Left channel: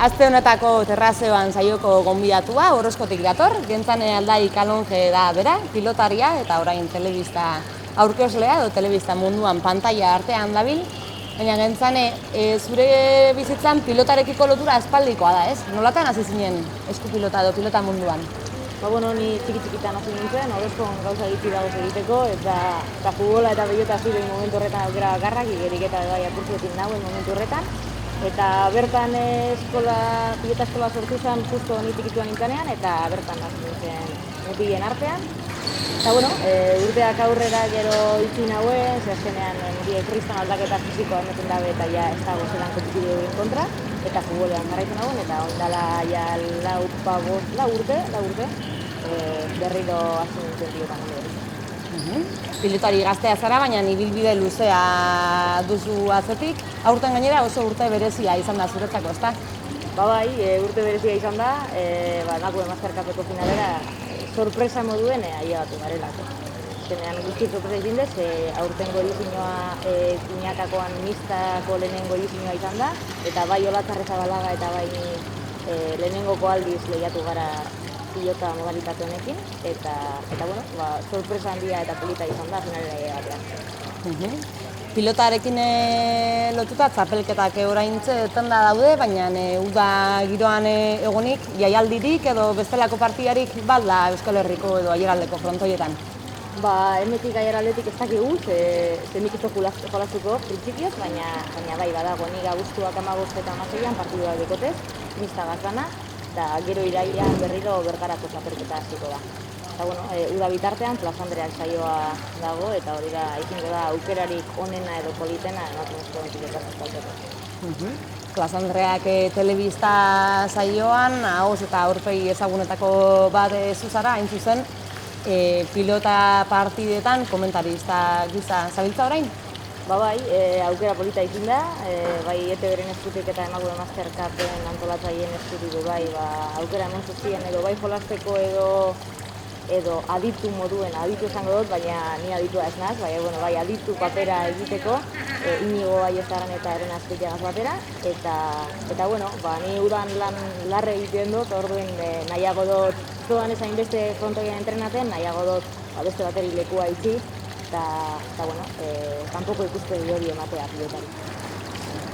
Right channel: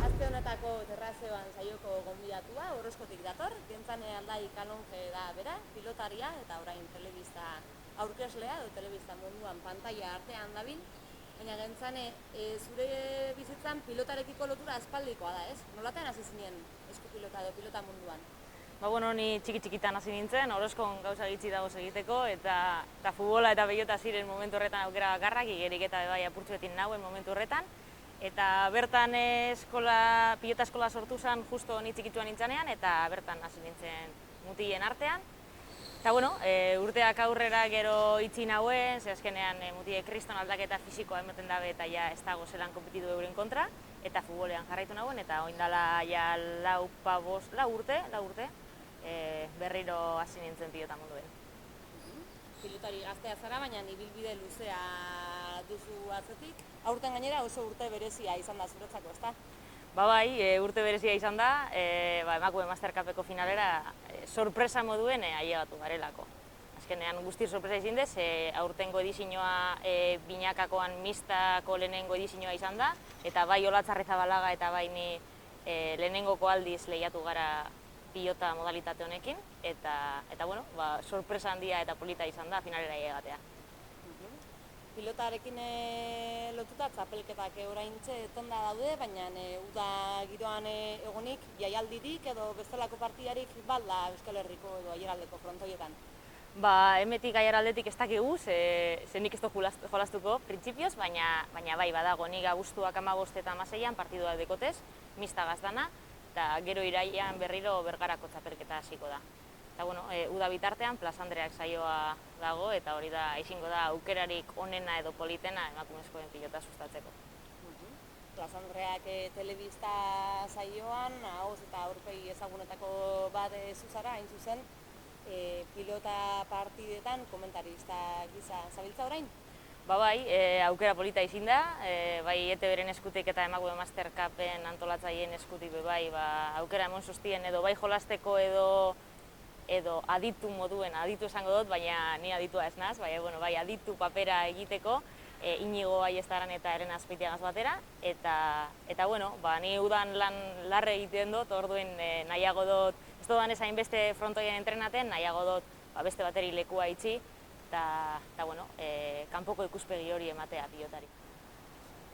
Aste honetako terrazeoan saioko gonbidatua Orozkotik dator, Gentzane Aldai Kalonge da bera, pilotaria eta orain telebista aurkezlea edo telebista munduan pantaila artean dabil. Baina Gentzane, zure bizitzan pilotarekiko lotura aspaldikoa da, ez? Nolatan hasi zinen eskupilota edo pilota munduan? Ni txiki-txikitan hasi nintzen, Orozkon gauza gitxi dagoz egiteko, eta futbola eta pilota zuren momentu horretan aukera bakarrak, igerik eta bai apurtzeetin nagoen momentu horretan. Eta bertan pilota eskola sortu zen justo ni txikituan nintzanean, eta bertan hasi nintzen mutilen artean. Eta urteak aurrera gero itxi nauen, ze azkenean mutilek kriston aldaketa fisikoa ematen dabe eta ja ez dago zelan kompetitibuen kontra, eta futbolean jarraitu nauen, eta ondala ja lau urte, berriro hasi nintzen pilotan hori. Pilotari gaztea zara, baina ibilbide luzea duzu atzetik. Aurten gainera oso urte berezia izan da zuretzako, ezta? Urte berezia izan da, emakume Mastercupeko finalera sorpresa moduen ailegatu garelako. Azkenean guzti sorpresa izin dez, aurtengo edizioa Pinakakoan mistako lehenengo edizioa izan da, eta bai Olatz Arrizabalaga eta bai ni lehenengoko aldiz lehiatu gara pilota modalitate honekin, eta sorpresa handia eta polita izan da finalera batean. Pilotarekin lotuta txapelketak oraintxe tenda daude, baina uda giroan egonik jaialdirik edo bestelako partidarik balda Euskal Herriko edo aiaraldeko frontoietan? Hemetik aiaraldetik ez dakigu, ze nik ez dut jolastuko printzipioz, baina bai badago, nik abuztuak 15 eta 16an partidua dekotez, mista gaztana, eta gero irailean berriro bergarako txapelketa hasiko da. Uda bitartean Plaza Andreak saioa dago, eta hori da, ikingo da, aukerarik onena edo politena emakumezkoen pilotaz ezautzeko. Plaza Andreak telebista saioan, ahoz eta aurpegi ezagunetako bat zuzara, hain zuzen, pilota partidetan komentarista gisa zabiltza orain? Aukera polita izin da, bai ETV-ren eskutik eta emakume Mastercupen antolatzaileen eskutik aukera hemen zuzien edo bai jolasteko edo aditu moduen, aditu esango dut, baina ni aditua ez naz, bai aditu papera egiteko, Inigo Baiestaran eta Eren Azpeitiagaz batera, eta ni udan lan larre egiten dut, orduen nahiago dut, zudan ezain beste frontoien entrenaten, nahiago dut beste bateri lekua itxi, eta kanpoko ikuspegi hori ematea pilotari.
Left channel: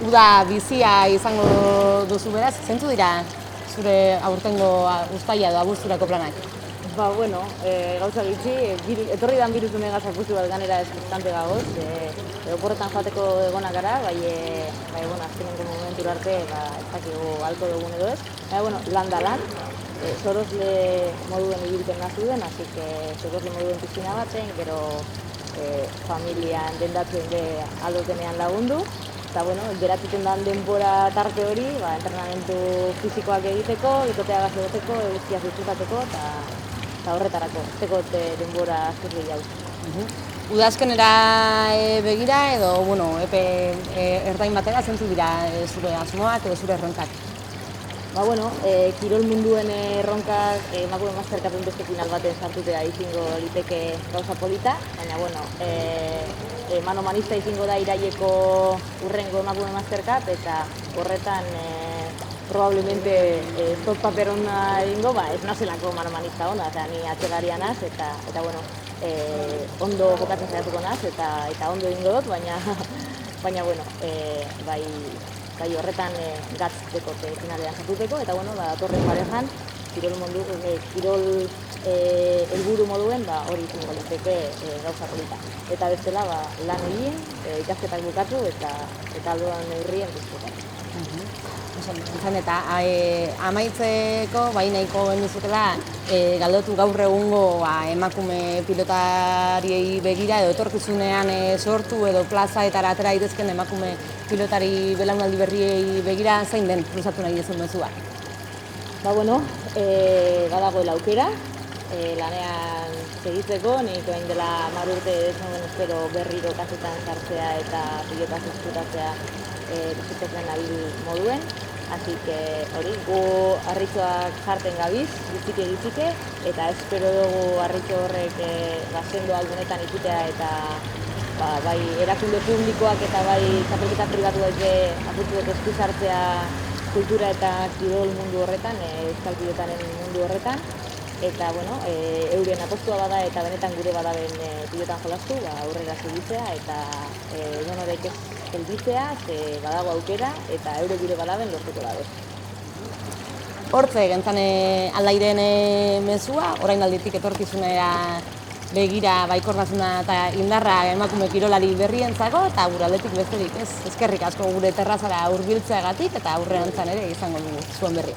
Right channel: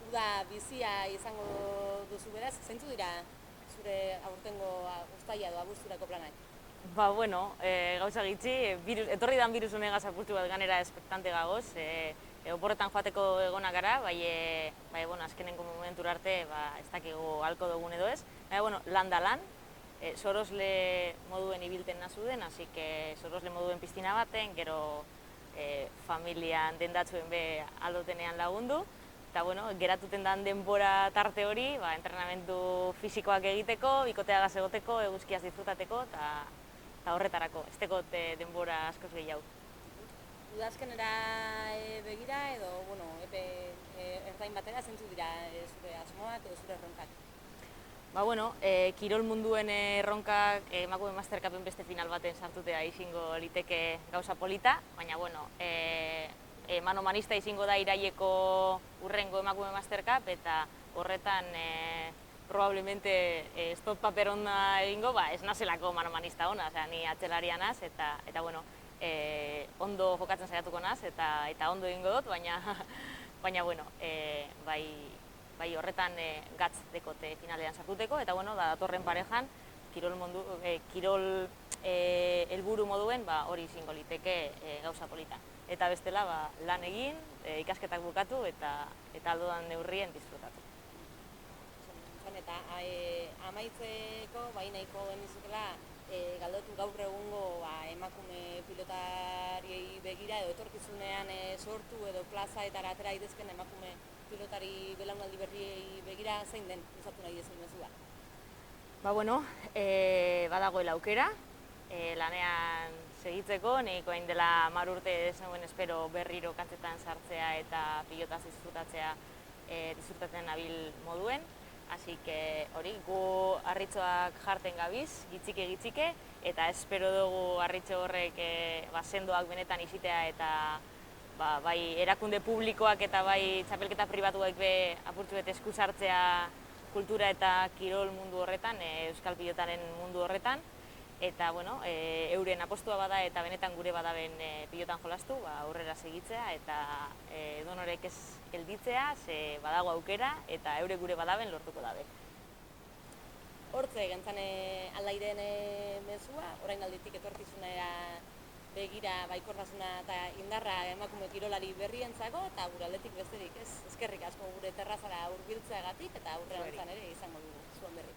Uda bizia izango duzu beraz, zentzu dira zure aurtengo uztaila edo abuzturako planak? Gauza gitxi, etorri dan biruz unegaz akustu bat ganera eskurtante gagoz, oporretan joateko egonak gara, azkenengo momentura arte ez dakigu alko dugun edo ez. Lan da lan, sorosle moduen ibilten nazuden, así que sorosle moduen pizkina baten, gero familian dendatzen de aldotenean lagundu, eta geratuten den denbora tarte hori, entrenamentu fisikoak egiteko, ikoteagaz egoteko, guztia zutzutateko, eta horretarako, ez tekot denbora azkut gehiago. Udazkenera begira edo, epe ertain batera zentzu dira zure asmoak edo zure erronkak? Kirol munduen erronkak emakume Mastercupen beste final baten sartutea izingo liteke gauza polita, baina manomanista izingo da iraileko urrengo emakume Mastercup, eta horretan probablemente top paper ona egingo, ez nazelako manomanista ona, ni atxelaria naz, eta ondo jokatzen zeratuko naz, eta ondo egingo dut, baina horretan gatz dekote finalean sartuteko, eta datorren parejan, kirol helburu moduen hori izango liteke gauza polita. Eta bestela lan egin, ikasketak bukatu eta aldoan neurrien bizkotatu. Eta amaitzeko, nahiko genizutela, galdotu gaur egungo emakume pilotariei begira edo etorkizunean sortu edo plazaetara atera daitezken emakume pilotari belaunaldi berriei begira zein den luzatu nahi duzun mezua? Badagoela aukera, lanean segitzeko, nik orain dela 10 urte espero berriro kasetan sartzea eta pilotaz eskutatzea bizitzetzen nabil moduen. Así que gu harritxoak jarten gabiz, gitzike, eta espero dugu harritxo horrek sendo aldunetan ikitea eta bai erakunde publikoak eta bai txapelketa pribatuek apurtuek esku sartzea kultura eta kirol mundu horretan, euskal pilotaren mundu horretan, eta, bueno, euren apostua bada eta benetan gure badaben pilotan jolastu, aurrera segitzea, eta edonorek ez gelditzea, ze badago aukera, eta eure gure badaben lortuko dago. Hortze, gentzan aldairen mezua, orain alditik etorkizunera begira baikortasuna eta indarra emakume kirolari berrientzako, eta gure aldetik besterik ez. Eskerrik asko gure terrazara hurbiltzeagatik eta aurrerantzan ere izango dugu zuen berri.